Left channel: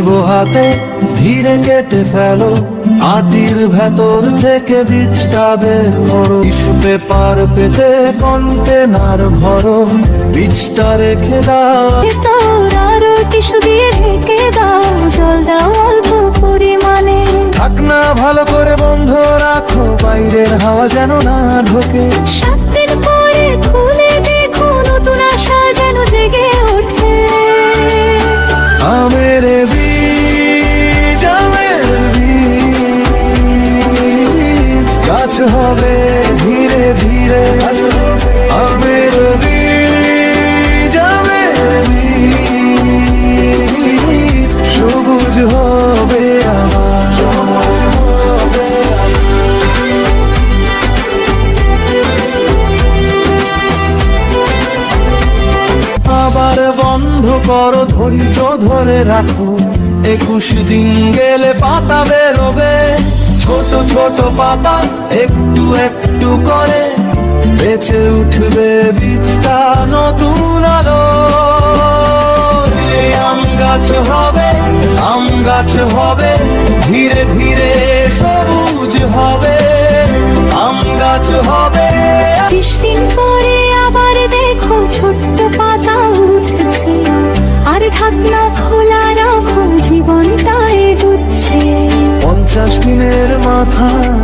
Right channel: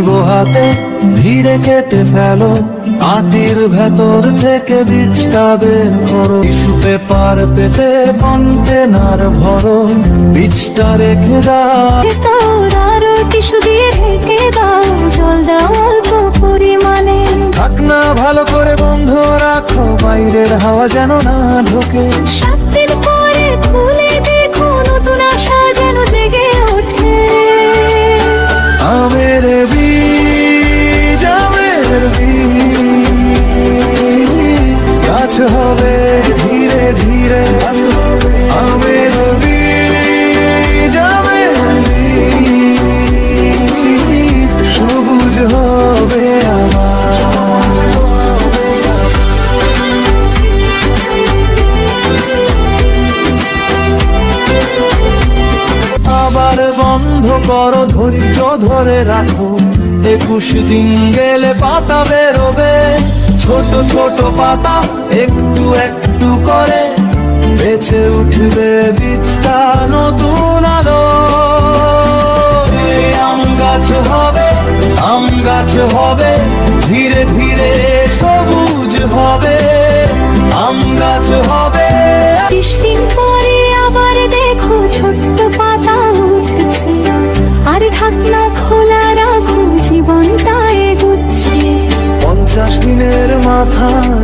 নিব হাতে, ধীরে কেটে ফেলো আটির ভেতর থেকে বীজটা বের করো। টিস্যু পেপার পেতে কন্টেনার ভরো, বীজটা রেখে দাও। টিস্যু দিয়ে ঢেকে দাও, জল দাও অল্প পরিমাণে। ঢাকনা ভালো করে বন্ধ রাখো, বাইরের হাওয়া যেন না ঢোকে। 7 দিন পরে খুলে দেখো, নতুন আশা যেন জেগে ওঠে। আমের বীজ, আমের বীজ, গাছ হবে ধীরে ধীরে। আমের বীজ, আমের বীজ, সবুজ হবে আবার। আবার বন্ধ করো, ধৈর্য ধরে রাখো, 21 দিন গেলে পাতা বেরোবে। ছোট ছোট পাতা একটু একটু করে বেঁচে উঠবে বীজটা নতুন আলো। আম গাছ হবে, আম গাছ হবে, ধীরে ধীরে সবুজ হবে। আম গাছ হবে। 30 দিন পরে আবার দেখো, ছোট্ট পাতা উঠছে। আর ঢাকনা খোলা রাখো, জীবনটা এগুচ্ছে। 50 দিনের মাথায়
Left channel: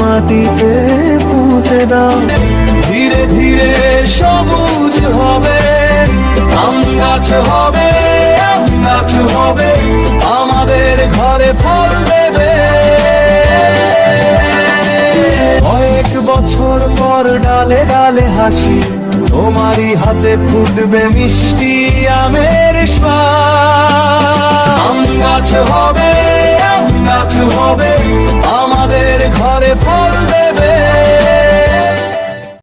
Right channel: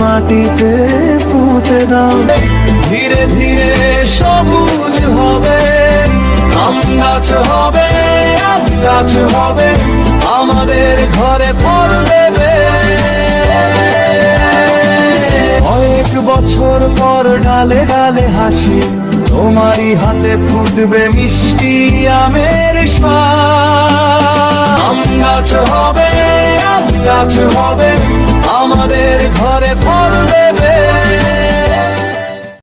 মাটিতে পুঁতে দাও, ধীরে ধীরে সবুজ হবে। আম গাছ হবে, আম গাছ হবে, আমাদের ঘরে ফুল দেবে। কয়েক বছর পর ডালে ডালে হাসি, তোমারই হাতে ফুটবে মিষ্টি আমের স্বাদ। আম গাছ হবে, আম গাছ হবে, আমাদের ঘরে